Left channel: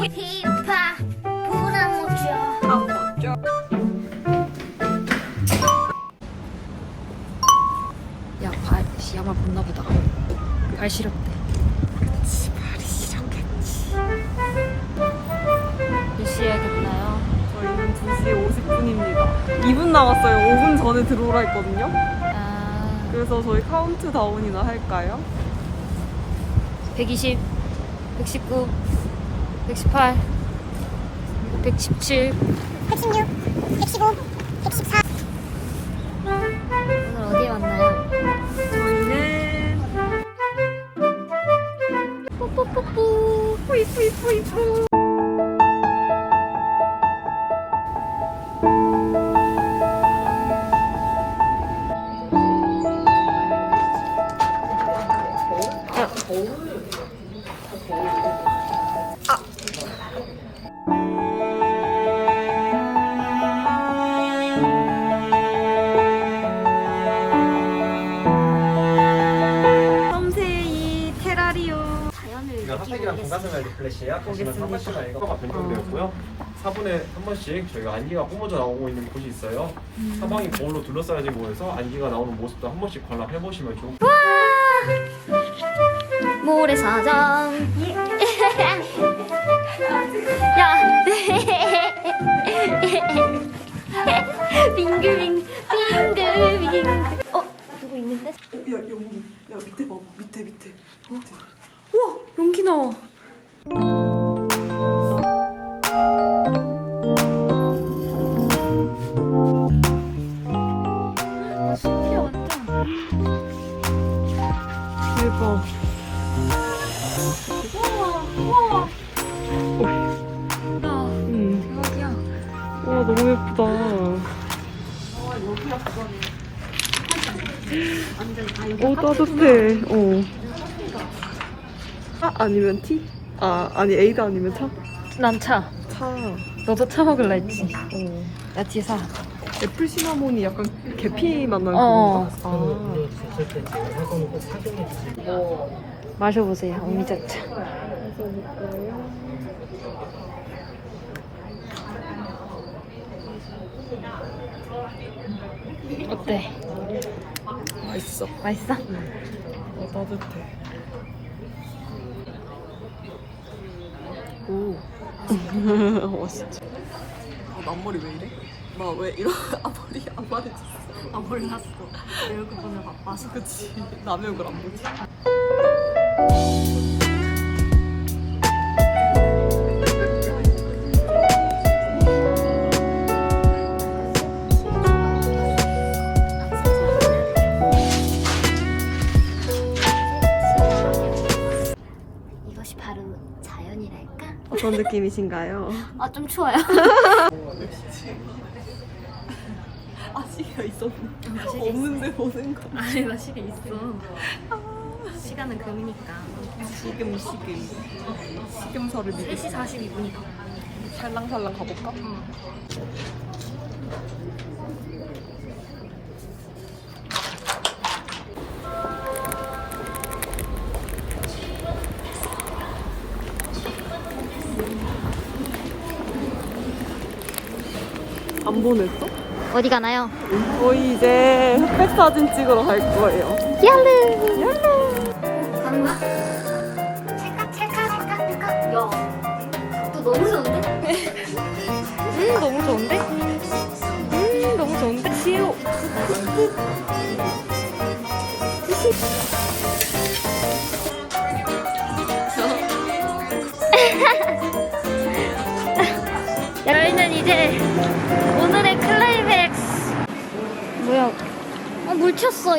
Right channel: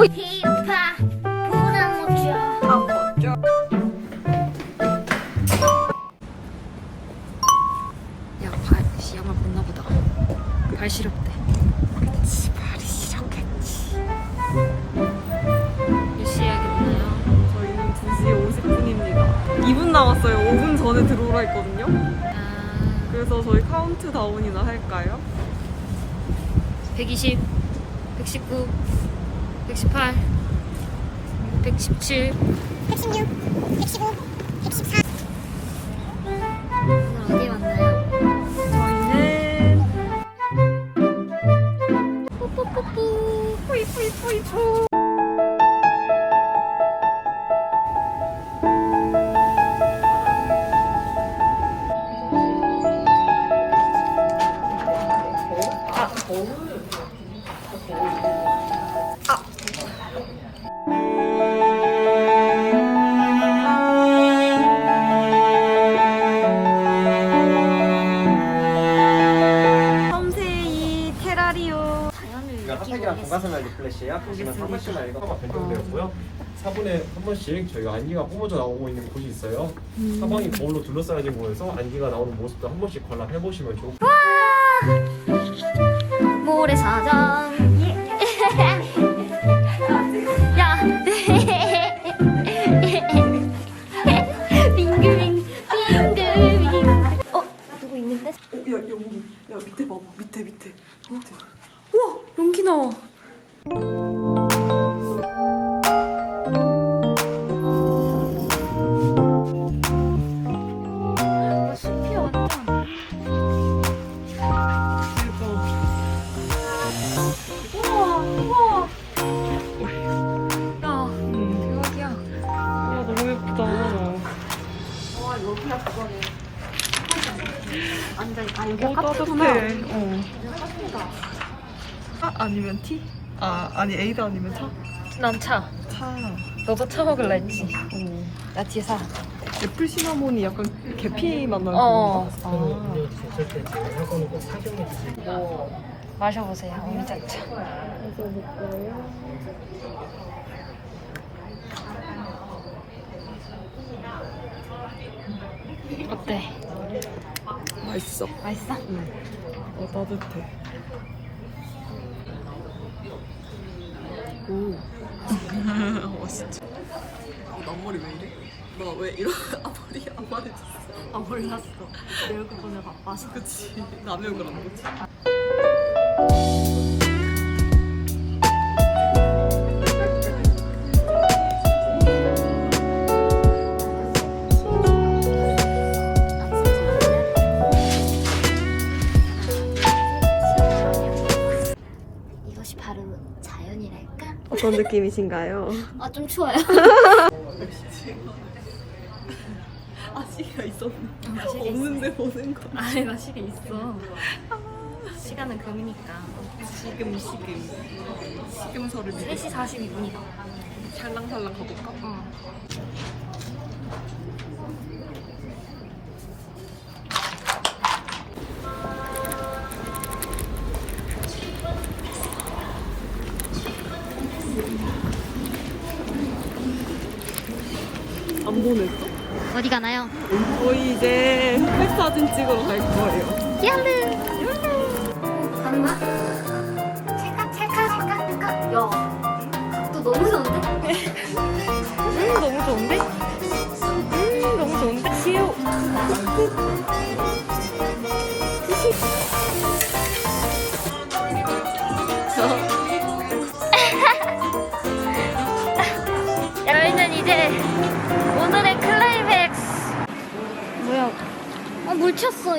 오, 힙합 보나무죠. 아 멋져. 야, 발, 씨, 양말 벗나 보다. 발 시렵대. 발 시렵겠지. 몇 시에 야겠나요? 저희는 2시 50분입니다. 2분 남았어요. 5분 전에 들어오라 했거든요. 아, 그래서 저희 카운트다운이나 할까요? 120, 119, 118, 117. 116, 115, 114. 오늘 어디에 왔나요? 저희는 뽀뽀뽀뽀. 이쁘. 섬 테라리오 자연을 플래시야. 보겠습니다. 변경되었고요. 4분에 한 번씩 저희가 안기가 뿜어져 나오고 있는 곳이 있어요. 사방이 거울로 둘러싸여진 곳에서 안기가 나오는 모습도 한 번씩 관람해 보시면 좋을 것 모래사장. 누구 있는데? 야 여기 야 밑에 봐봐 밑에 밑에 밑에. 우와, 용기 나와. 대박. 음. 대박이야. 와 너무 예쁘다. 오 따뜻해. 어. 차 아니면 티? 아 아니 에이드 아니면 차? 난 차. 차. 너도 차 먹을라 했지. 어. 나 티사. 애플 시나몬이 약간 계피 맛 나는 어. 거. 마셔보세요. 미자차. 어때? 맛있어. 맛있어? 오. 맛있지. 어, 나 앞머리 왜 이래? 나왜 이러? 앞머리 안 말해줬어. 아 몰랐어. 내 얼굴 보면 바빠서. 그치. 남의 얼굴 안 보지. 어떤 느낌이신가요? 아, 좀 추워요. 아시가 있었네. 없는데 보는 거. 아니 나 시계 있어. 시간은 금이니까. 지금 시금. 시금서를 믿으 3시 42분이다. 살랑살랑 가볼까? 어. 안 보냈어? 어디 가나요? 저희 이제 흑백 사진 찍으러 갈 거예요. 얄루! 어, 가는 거야? 찰칵, 찰칵, 찰칵, 찰칵. 야, 각도 너무 좋은데? 음 너무 좋은데? 음 너무 좋은데? 시우. 저희는 이제 오늘의 클라이맥스 뭐야? 어, 물 튀었어.